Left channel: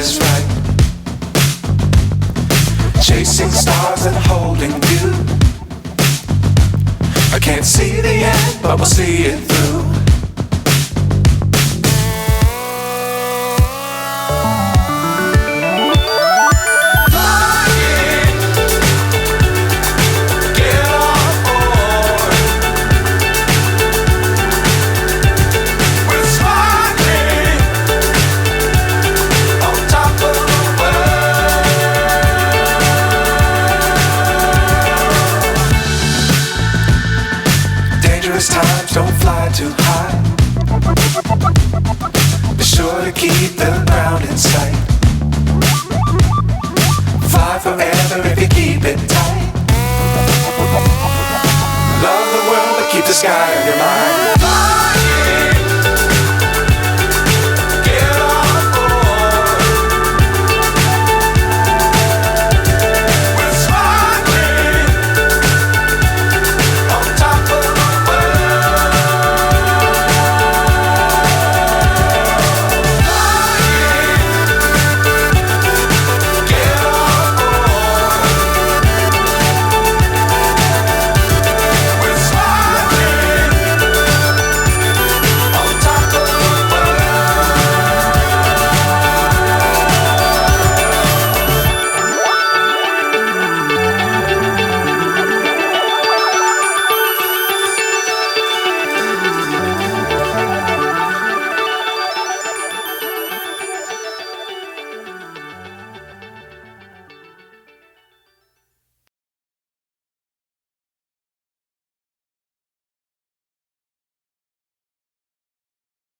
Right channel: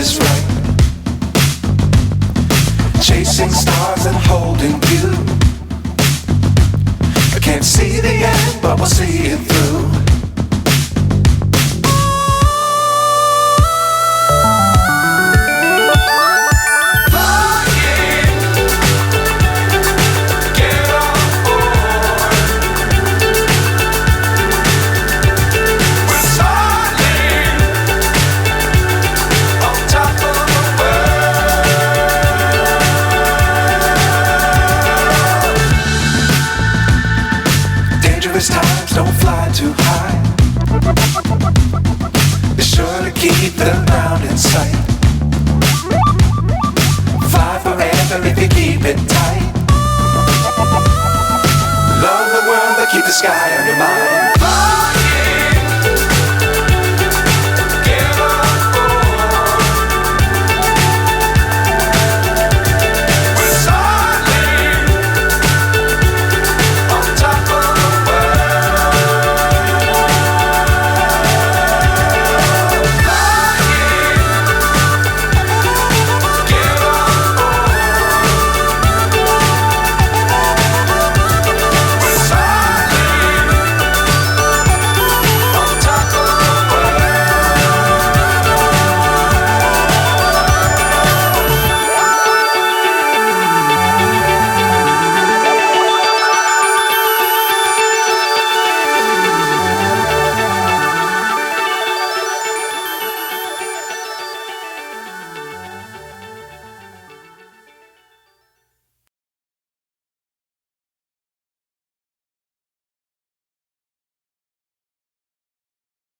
is right. Chasing stars and holding you. I can't see the end, but we'll see it through. Times don't fly too high. Be sure to keep the ground in sight. Fly forever if you keep it tight. Love the world but keep the sky on your mind.